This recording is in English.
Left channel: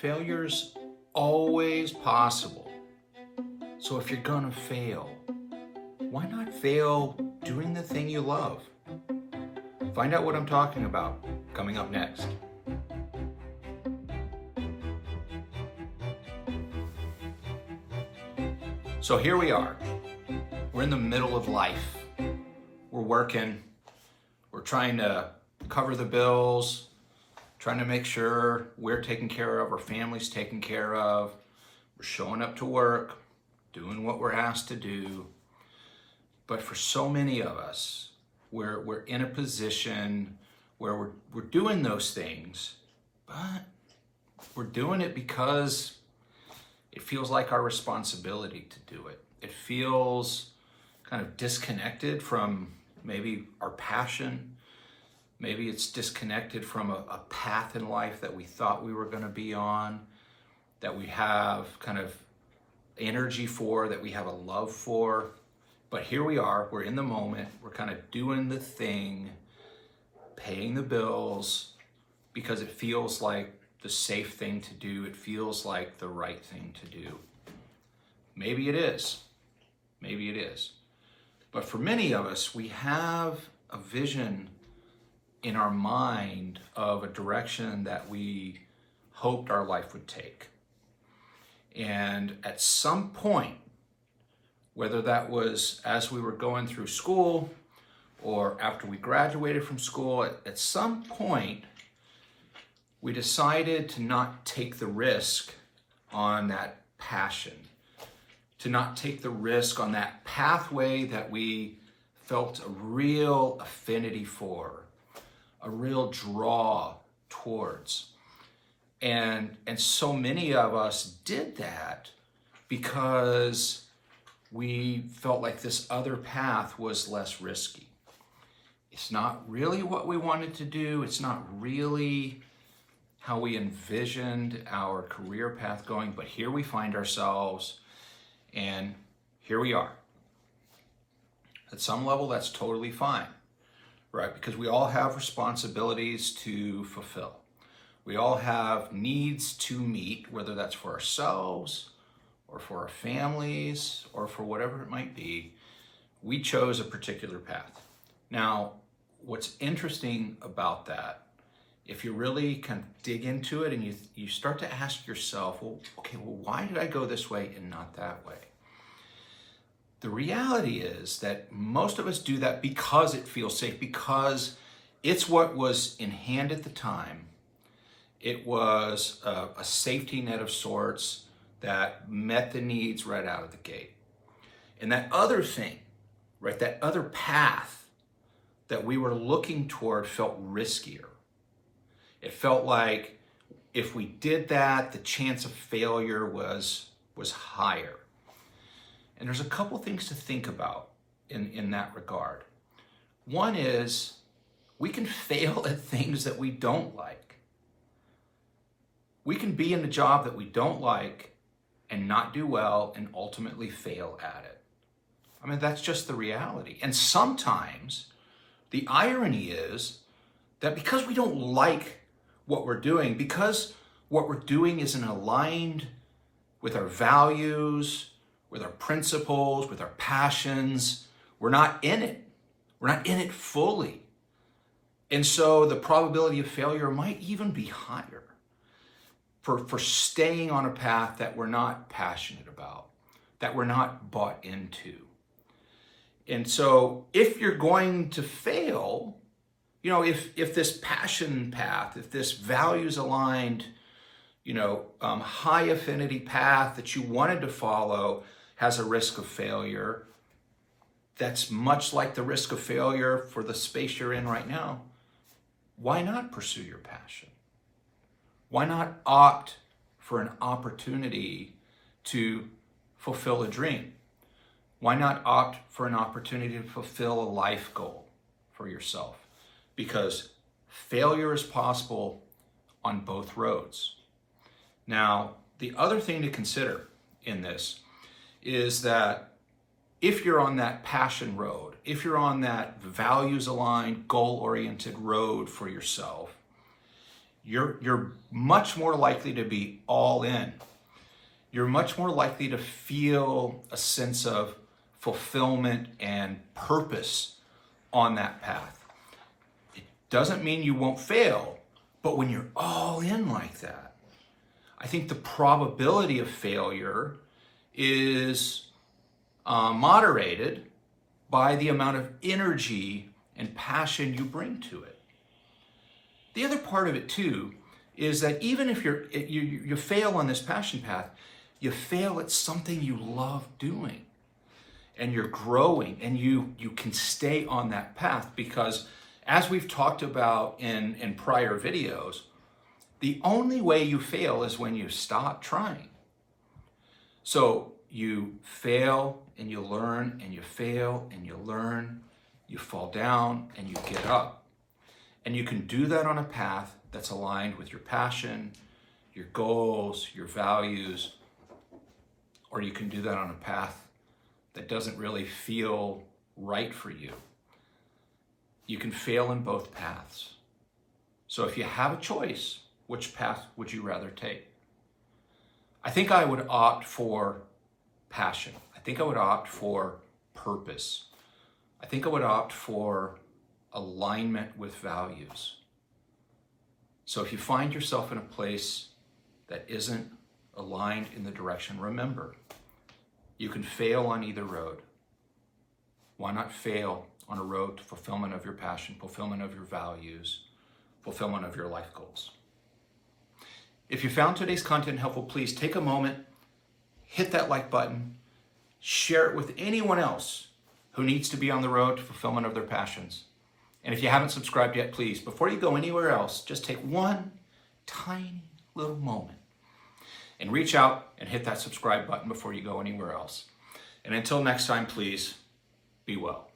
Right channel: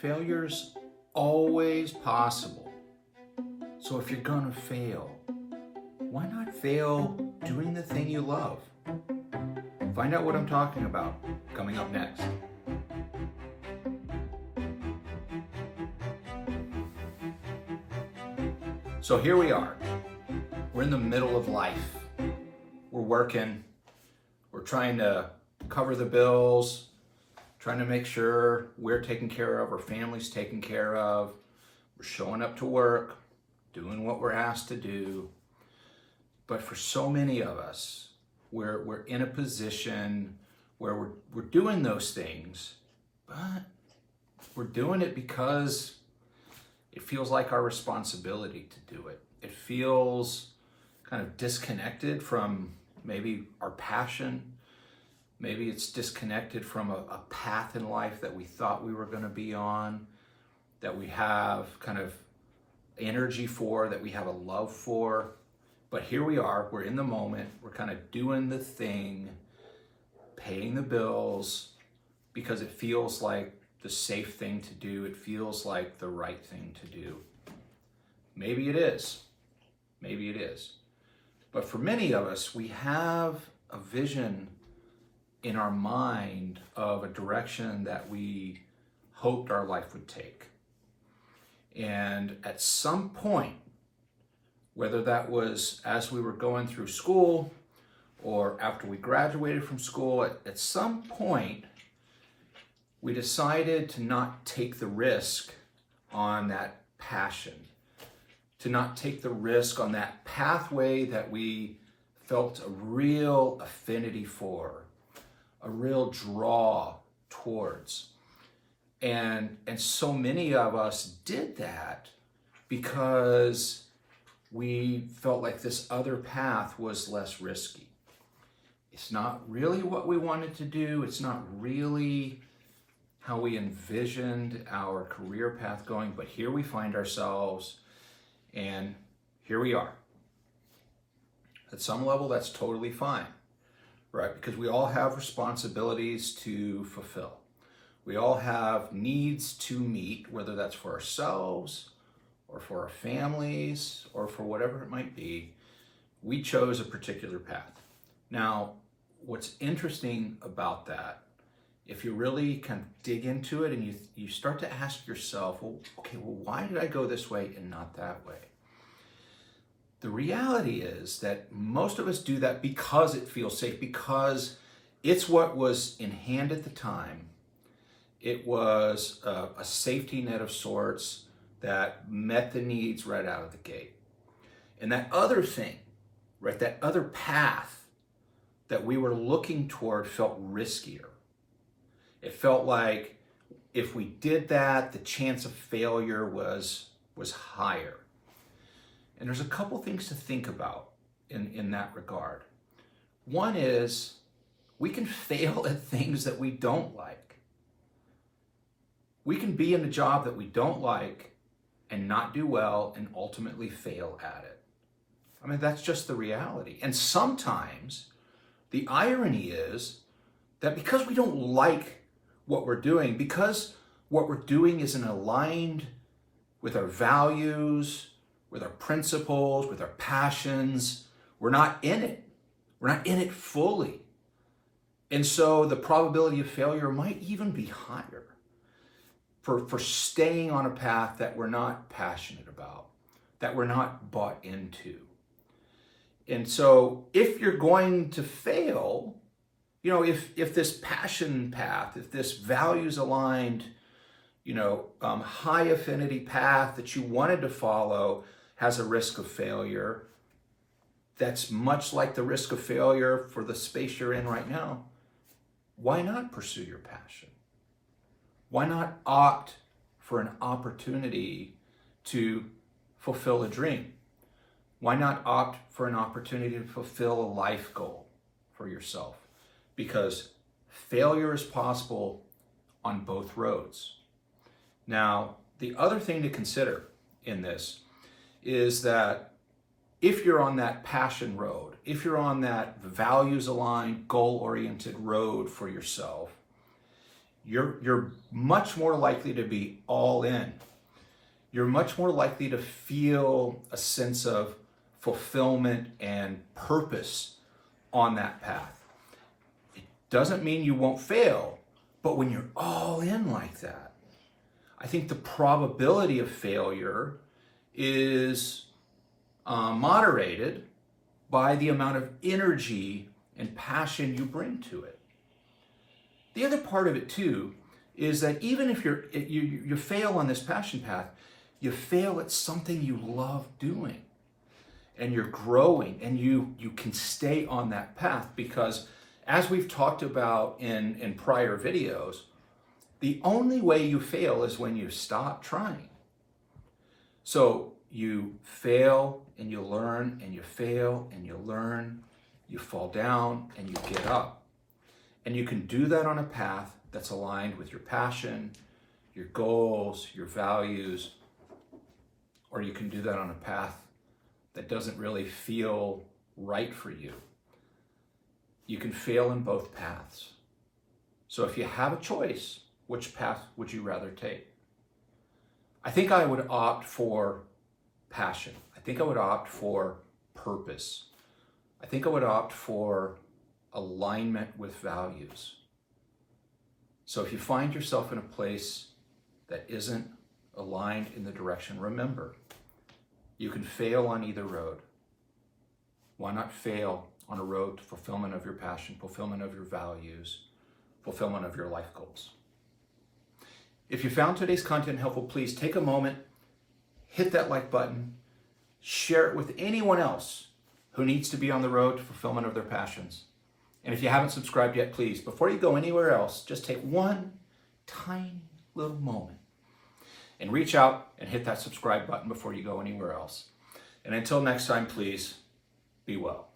Failure's always possible. So if you're gonna fail, why not fail doing the thing you love? Find out what I'm talking about coming up next. So here we are. We're in the middle of life. We're working. We're trying to cover the bills, trying to make sure we're taken care of, our family's taken care of. We're showing up to work, doing what we're asked to do. But for so many of us, we're in a position where we're doing those things, but we're doing it because it feels like our responsibility to do it. It feels kind of disconnected from maybe our passion. Maybe it's disconnected from a path in life that we thought we were going to be on, that we have kind of energy for, that we have a love for. But here we are, we're in the moment, we're kind of doing the thing, paying the bills, because it feels like the safe thing to do. It feels like the right thing to do. Maybe it is. Maybe it is. But for many of us, we have a vision in our mind of a direction that we hoped our life would take. And at some point, whether that was as we were going through school or after we graduated from school, at some point, we decided to not take the risk on that passion, to not take the risk on that pathway that we felt a real affinity for, a real draw towards. And so many of us did that because we felt like this other path was less risky. It's not really what we wanted to do. It's not really how we envisioned our career path going, but here we find ourselves, and here we are. At some level, that's totally fine, right? Because we all have responsibilities to fulfill. We all have needs to meet, whether that's for ourselves or for our families or for whatever it might be. We chose a particular path. Now, what's interesting about that, if you really kind of dig into it and you start to ask yourself, well, why did I go this way and not that way? The reality is that most of us do that because it feels safe, because it's what was in hand at the time. It was a safety net of sorts that met the needs right out of the gate. And that other thing, right, that other path that we were looking toward felt riskier. It felt like if we did that, the chance of failure was higher. And there's a couple things to think about in that regard. One is we can fail at things that we don't like. We can be in a job that we don't like and not do well and ultimately fail at it. I mean, that's just the reality. And sometimes the irony is that because we don't like what we're doing, because what we're doing isn't aligned with our values, with our principles, with our passions, we're not in it. We're not in it fully. And so the probability of failure might even be higher for staying on a path that we're not passionate about, that we're not bought into. And so if you're going to fail, you know, if this passion path, if this values aligned, high affinity path that you wanted to follow has a risk of failure, that's much like the risk of failure for the space you're in right now, why not pursue your passion? Why not opt for an opportunity to fulfill a dream? Why not opt for an opportunity to fulfill a life goal for yourself? Because failure is possible on both roads. Now, the other thing to consider in this is that if you're on that passion road, if you're on that values-aligned, goal-oriented road for yourself, You're much more likely to be all in. You're much more likely to feel a sense of fulfillment and purpose on that path. It doesn't mean you won't fail, but when you're all in like that, I think the probability of failure is moderated by the amount of energy and passion you bring to it. The other part of it too is that even if you fail on this passion path, you fail at something you love doing, and you're growing, and you can stay on that path because, as we've talked about in prior videos, the only way you fail is when you stop trying. So you fail and you learn, and you fail and you learn, you fall down and you get up. And you can do that on a path that's aligned with your passion, your goals, your values, or you can do that on a path that doesn't really feel right for you. You can fail in both paths. So if you have a choice, which path would you rather take? I think I would opt for passion. I think I would opt for purpose. I think I would opt for alignment with values. So if you find yourself in a place that isn't aligned in the direction, remember, you can fail on either road. Why not fail on a road to fulfillment of your passion, fulfillment of your values, fulfillment of your life goals? If you found today's content helpful, please take a moment, hit that like button, share it with anyone else who needs to be on the road to fulfillment of their passions. And if you haven't subscribed yet, please, before you go anywhere else, just take one tiny little moment and reach out and hit that subscribe button before you go anywhere else. And until next time, please be well.